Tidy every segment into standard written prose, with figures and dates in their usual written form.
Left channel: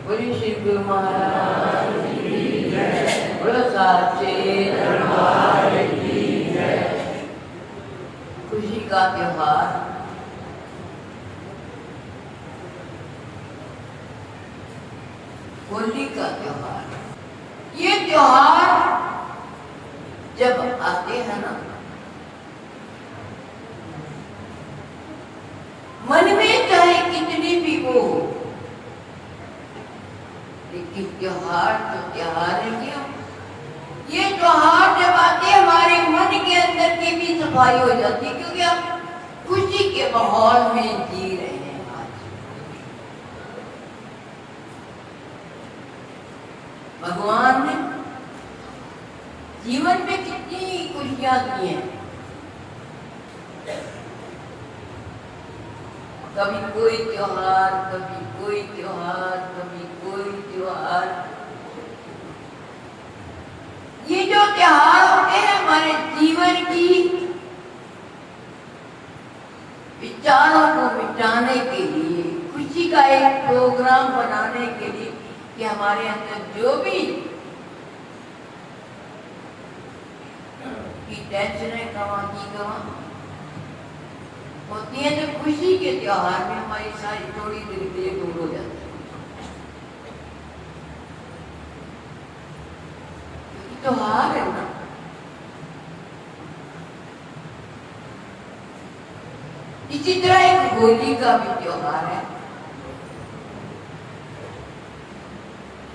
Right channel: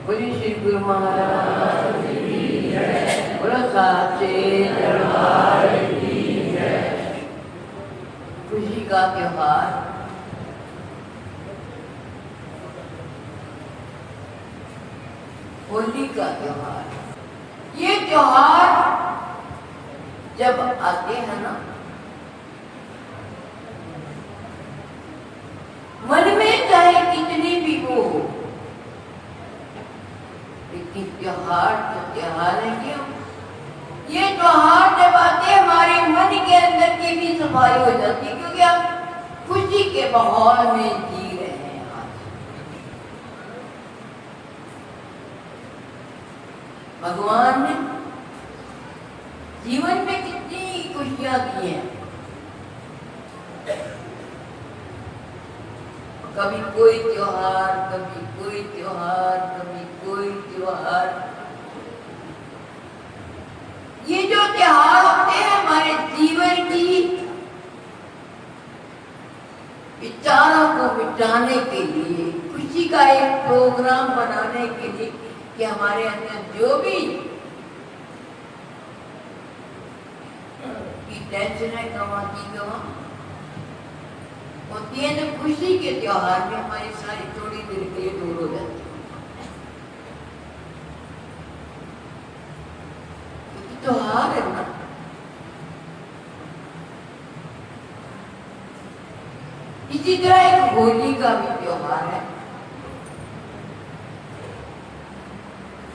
बोली श्री गुरु महाराज की जय। बोलो साचे दरबार की जय। खुशी का त्योहार, होली का त्योहार। ये त्योहार जब आते हैं ना, मन में चाहे कितनी भी वो हो, लेकिन त्योहार तो त्योहार है। क्यों? ये त्योहार जब आते हमारे मन के अंदर की भी सफाई हो जाती है, क्योंकि आप खुशी के माहौल में जी रहे हैं। आज भगवान ने जीवन में कितनी खुशियां दी हैं। कभी कोई त्योहार, कभी कोई त्योहार, कभी कोई त्योहार। ये जो त्योहार होते हैं हमारे जीवन की विचारों को मिटाने के लिए, खुशी का एक प्रोग्राम बनाने के लिए कि हमारे अंदर जो भी टेंशन है गवां की गवां होती है, तो खुशी के त्योहार में हमारी सारी थोड़ी देर के लिए दूर हो जाती है। क्योंकि त्योहार है ना, इसी तरह एक होली का भी त्योहार है।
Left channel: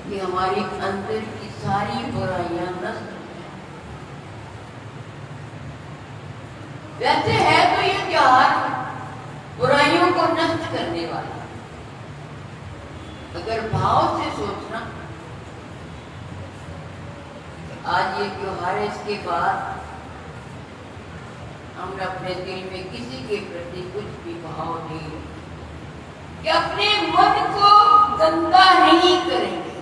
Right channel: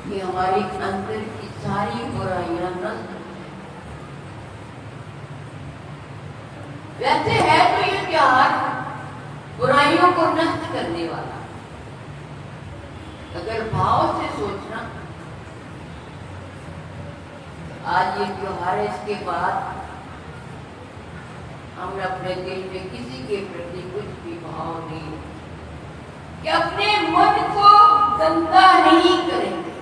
ये हमारी अंदर की सारी बुराइयां नष्ट, वैसे है तो ये त्योहार बुराइयों को नष्ट करने वाला। अगर भाव से सोचना आज ये त्योहार है, इसके बाद हम अपने दिल में किसी के प्रति कुछ भी भाव नहीं, कि अपने मन को गंदा नहीं करेंगे।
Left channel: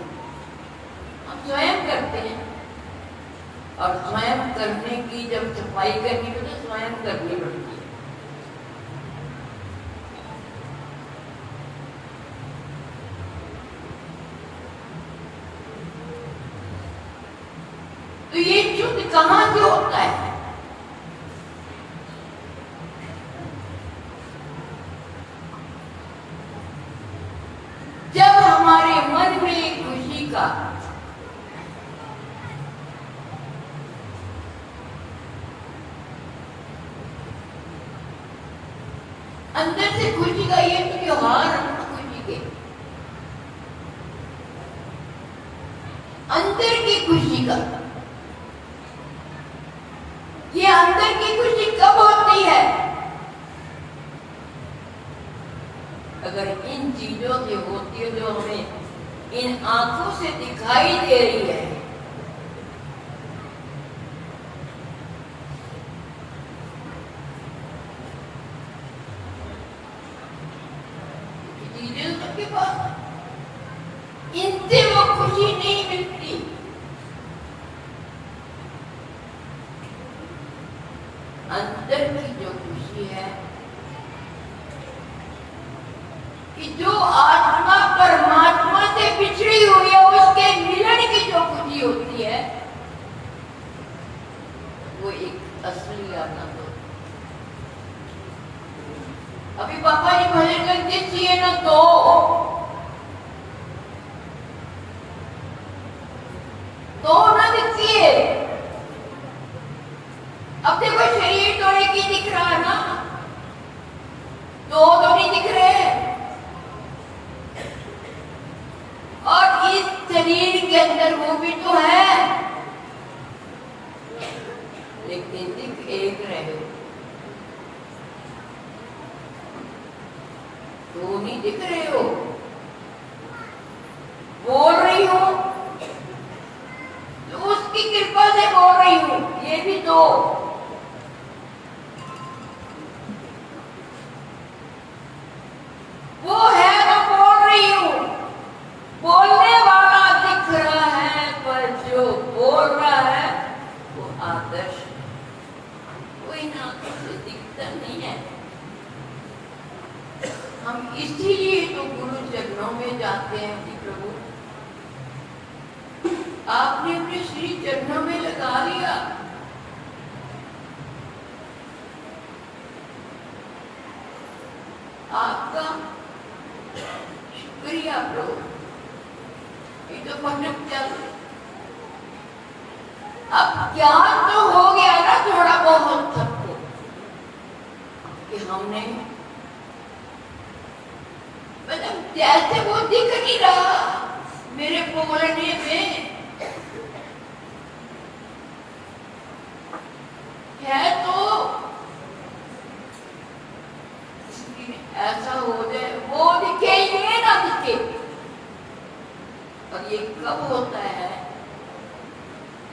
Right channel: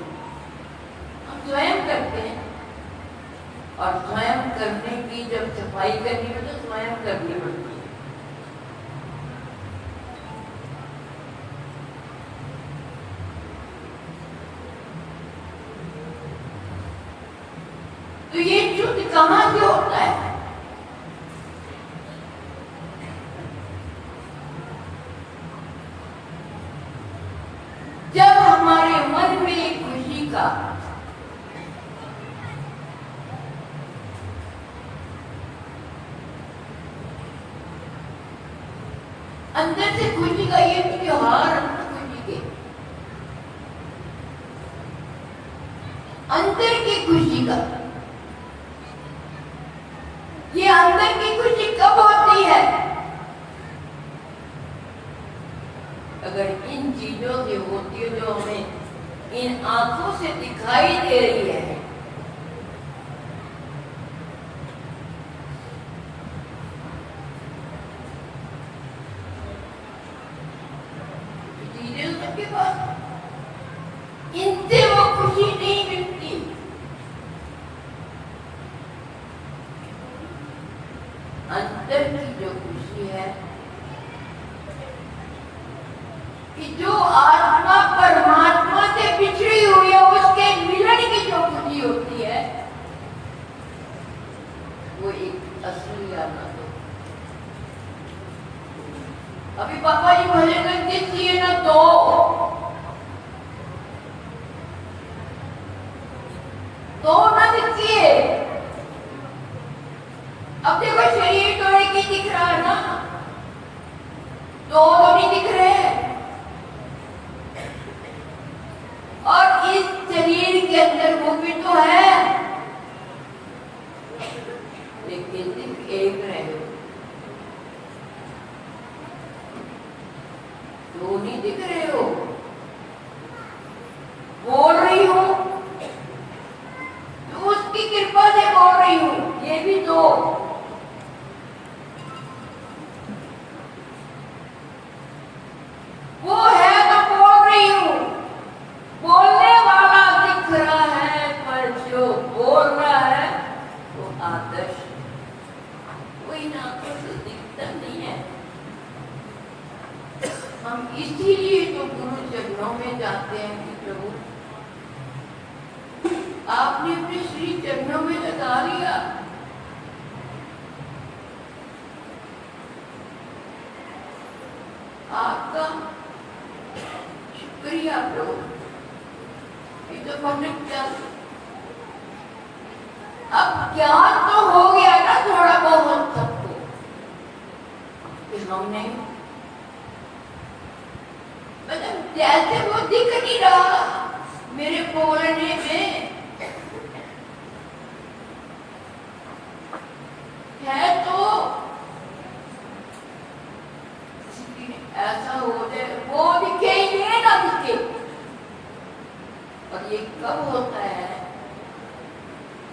हम स्वयं करते हैं, और स्वयं करने की जब सफाई करनी हो तो स्वयं करनी पड़ती है। तो ये शुद्ध कहां से होता है? जब हमारे मन में खुशी का अंदर से खुशी का ये त्योहार है ना, खुशी के अंदर की खुशी का, ये अंदर की खुशी कब होती है? अगर इन चीजों से होती है जो हमें इन आंखों से दिखाई दे रही है, इनसे वो खुशी नहीं मिलती। अंदर की जो खुशी है, कि जो आत्मा परमात्मा से बिछड़ी हुई है, उसके मिलन की जो खुशी होती है, वो एक असली आनंद है। अभी पापा जी भजन करते चाहिए ना, तो ना दिखिए। अब देखो शरीर तो एक ही दिख रहा है ना, दो तो नहीं दिख रहे। और इस शरीर के अंदर वो भी तो है, लेकिन सिर्फ एक रहे हो, दो नहीं दिख रहे हो। बोल रही हूं तो उसकी कृपा से बोल रही हूं, ये भी दो। वो है तो बोल रही हूं, बोलने वाला दिख रहा है, पर जो बोल रहा है वो आदर्श, कोई ना कुछ दिखता नहीं है। हम इसीलिए तो गुरु प्रभु आपने अपने श्री चरणों में लगा लिया, आपका शुक्रिया प्रभु। तो मन अब ज्ञान तो हो गया ना थोड़ा बहुत सबको कि हमने मतलब जैसे वो दिख नहीं रहा मेरे बोलने में है, तो ऐसा हो जाए वो दिखे ये ना दिखे। और ये कब होता है?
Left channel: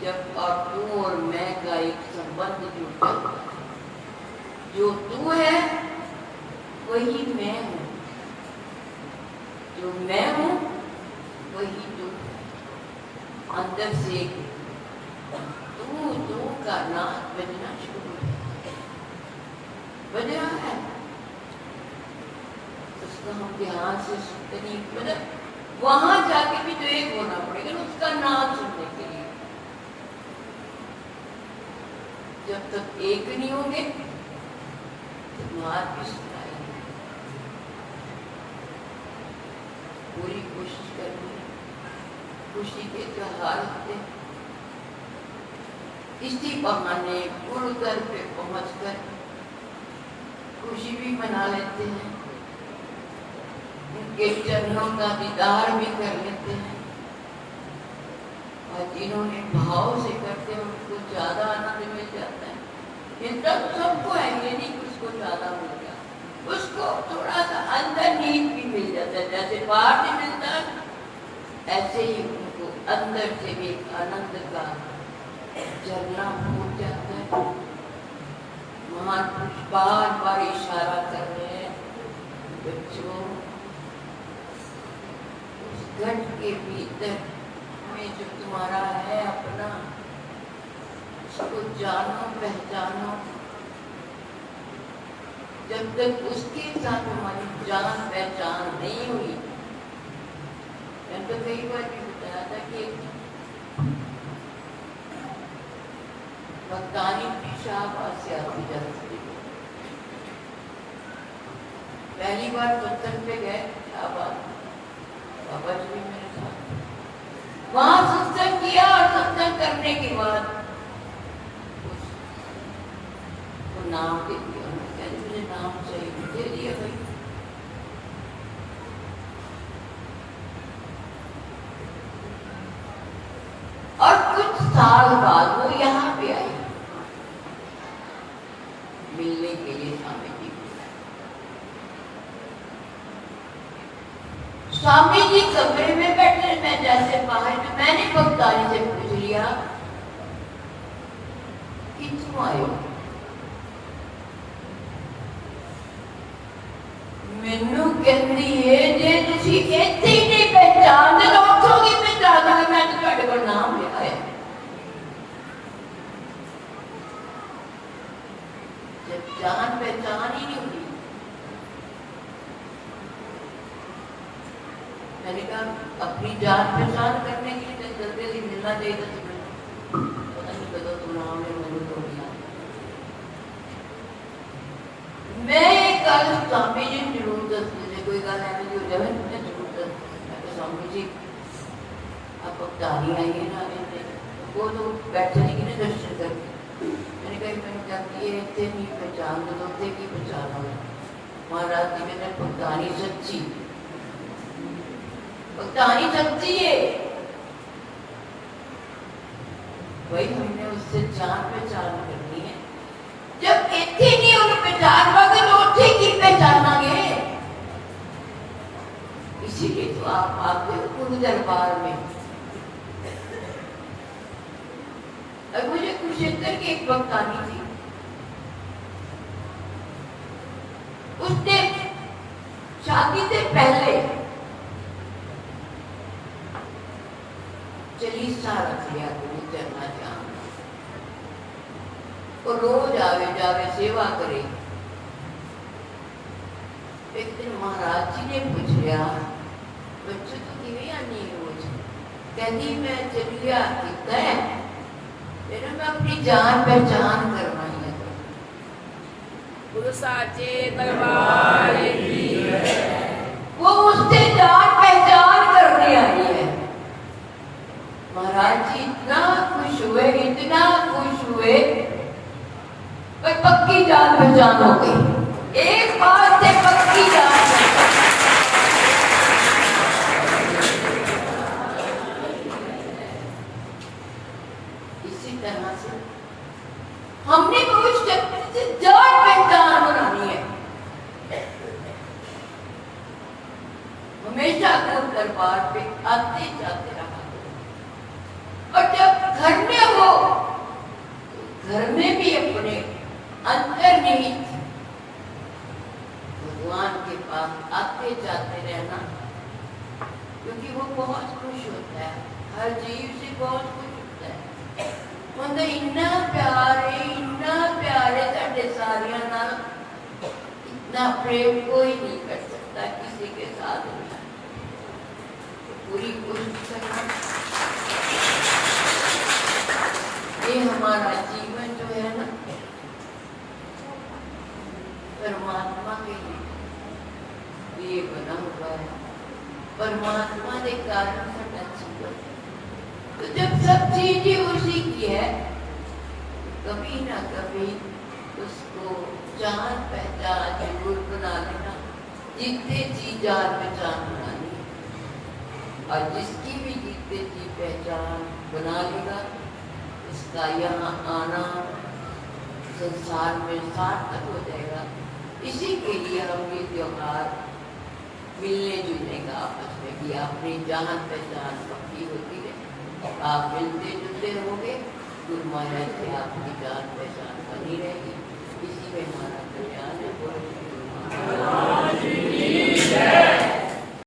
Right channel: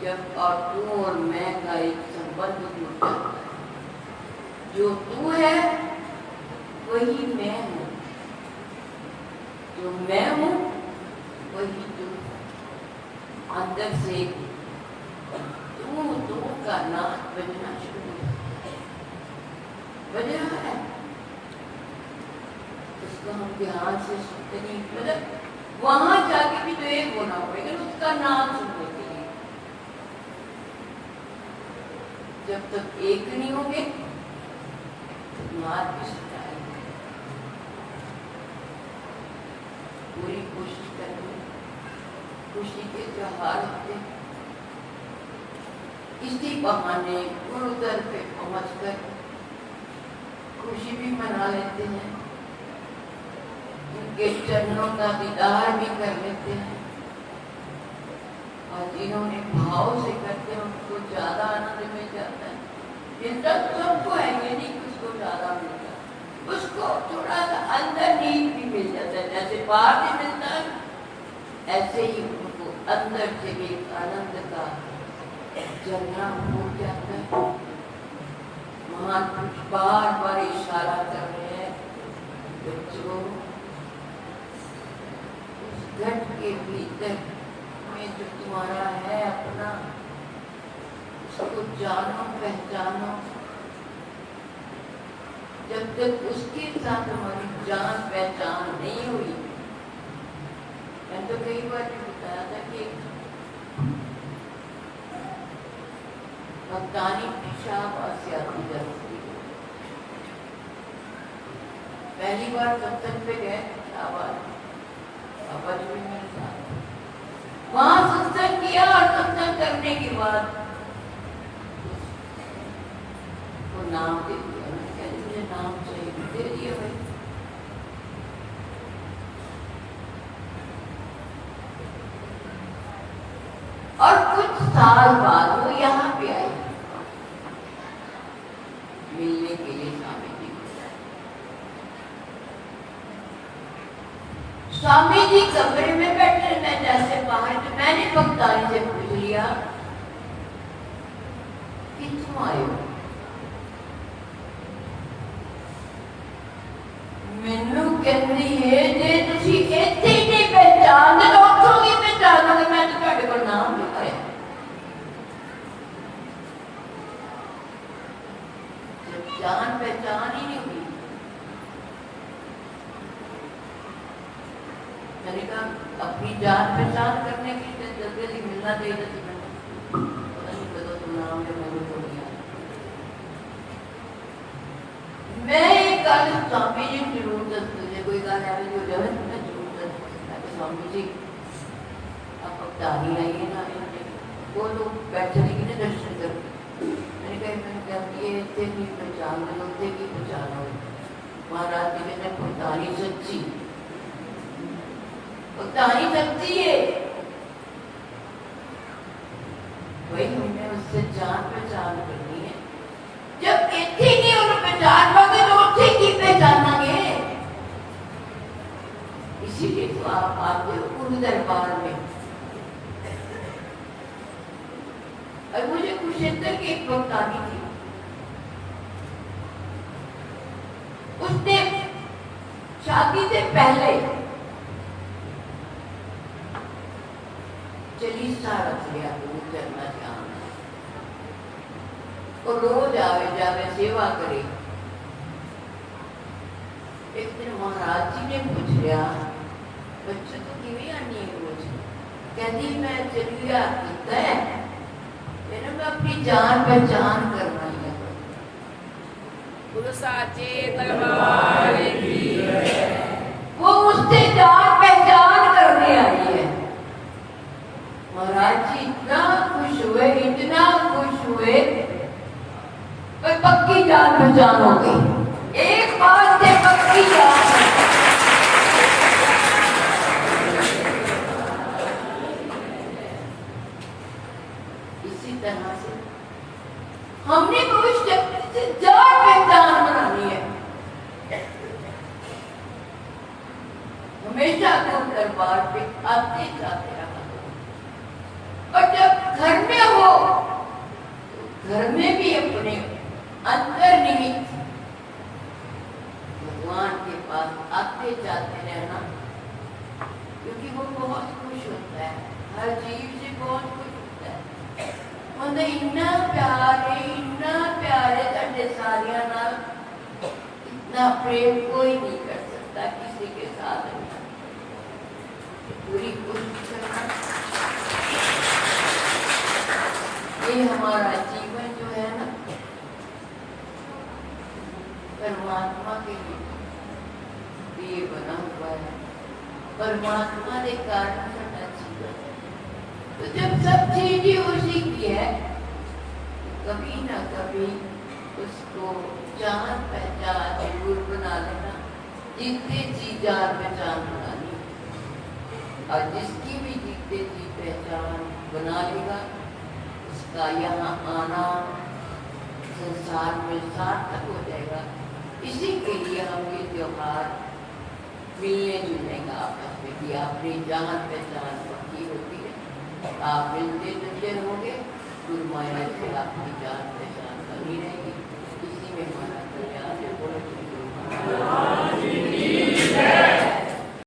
जब और तू और मैं का एक संबंध जुड़ जाता है। जो तू है वही मैं हूँ, जो मैं हूँ वही तू। अंदर से तू का नाच बजना शुरू बज रहा है, उसको हम ध्यान से सुनते, मतलब वहां जाके भी तो एक होना पड़ेगा उसका नाम सुनने के लिए। जब तक एक नहीं होंगे तो बात भी सुनाएंगे। पूरी कोशिश करनी, खुशी के त्योहार होते, इसी बहाने गुरुद्वार पे पहुंचकर खुशी भी मना लेते हैं, उनके चरणों का दीदार भी कर लेते हैं। और जिन्होंने भाव से करते हैं उनको ज्यादा आनंद मिल जाता है। मिलता तो सबको है, ये नहीं कि उसको ज्यादा मिलता, उसको थोड़ा सा अंदर नींद भी मिल जाता है। जैसे बाहर से मिलता है ऐसे ही उनको अंदर से भी आनंद का झरना फूट जाता है। महान पुरुष बार बार इशारा कर रहे हैं, बच्चों उस घट के भीतर में जो तुम्हारा है अपना, उसको जानो पहचानो। जब तक उसके साथ हमारी जान पहचान नहीं हुई, मैंने तो कई बार भी बताया था कि भक्तानी शाबाशी आती जाती। पहली बार सत्संग पे गए, शाबाश बाबा जी मेरे साथ वहां सत्संग किया, और सत्संग करने के बाद वो नाम दे दिया। मुझे नाम चाहिए, दे दिया भाई। और कुछ साल बाद वो यहाँ पे आई मिलने के लिए स्वामी जी। स्वामी जी कमरे में बैठे, मैं जैसे बाहर, तो मैंने भक्तानी से पूछ लिया कि तुम आए हो? मैनू कहती है जे तुसी इत्थे ही नहीं पहचानदे तो उत्थों की पहचानोगे? मैं तो तुहाडे कोल नाम लिखाया। जब जान पहचान ही नहीं हुई, मैंने कहा अपनी जान पहचान करने की जल्दी मिलना चाहिए। तो पता नहीं कदों तुम नाम है, मैंने तो लिया। मैं एक गल स्वामी जी जरूर दसते, कोई गल एवं हो जाए मैं जरूर दस। स्वामी जी आप भक्तानी आइए ना, वो तो बैठने के लिए दर्शन करके। मैंने कहा मैंने कहती है इतने नहीं पहचान दो, उतने की पहचानो। महाराज जी ने भक्तानी सच्ची, भक्तानी सच्ची है वही, हमने उससे जान पहचान करनी है। जब इतने नहीं उन्हें पहचान पागे तो उसे की पहचानांगे। इसीलिए तो आप आते हो गुरु दरबार में। और मुझे कुरुक्षेत्र की एक भक्तानी थी, उसने शादी से पहले चालीसा रख लिया गुरु चरना जान, और रोज आवे जावे सेवा करे। एक दिन महाराज जी ने पूछ लिया बच्चों तो किवें आनी है रोज कहती मैं चलिया कितना है मेरा मैं अपनी जान पहचान करवाई है गुरु साचे दरबार की वो उससे जान पहचान करने आई है। महाराज जी इतना खुश हुए पर पक्की जान पहचान हो गई एक बात से पक्की जान इसी तरह से हमने भविष्य से जान पहचान बनानी है हमेशा गुरु दरबार पे आते जाते रहा और जब घर में हो तो घर में भी अपने अंतर्निहित भगवान के पास आते जाते रहना क्योंकि वो बहुत खुश होता है हर जीव से बहुत खुश होता है मतलब इतना प्यारे साढ़े सारिया ना इतना प्रेम कोई नहीं कर सकता किसी के साथ नहीं तो पूरी कोशिश करना ये हमारा जीवन जो है ना परमात्मा के लिए बना हुआ है परमात्मा के कारण करना चाहिए तो जब सब चीजें उसी की है तो कभी ना कभी उसको जान पहचान जरूर बना लेना जितने जी जान पहचान बनानी और जिसकी भी जितने जी पहचान बना लेगा उसका यहाँ आना संसार में सार्थक हो जाएगा इसी के लिए हम ये त्योहार मिलने जुलने का आपस में कि अपनी जान पहचान पक्की होती है आप मिलते जुलते होंगे गुरु महाराज से आपकी जान पहचान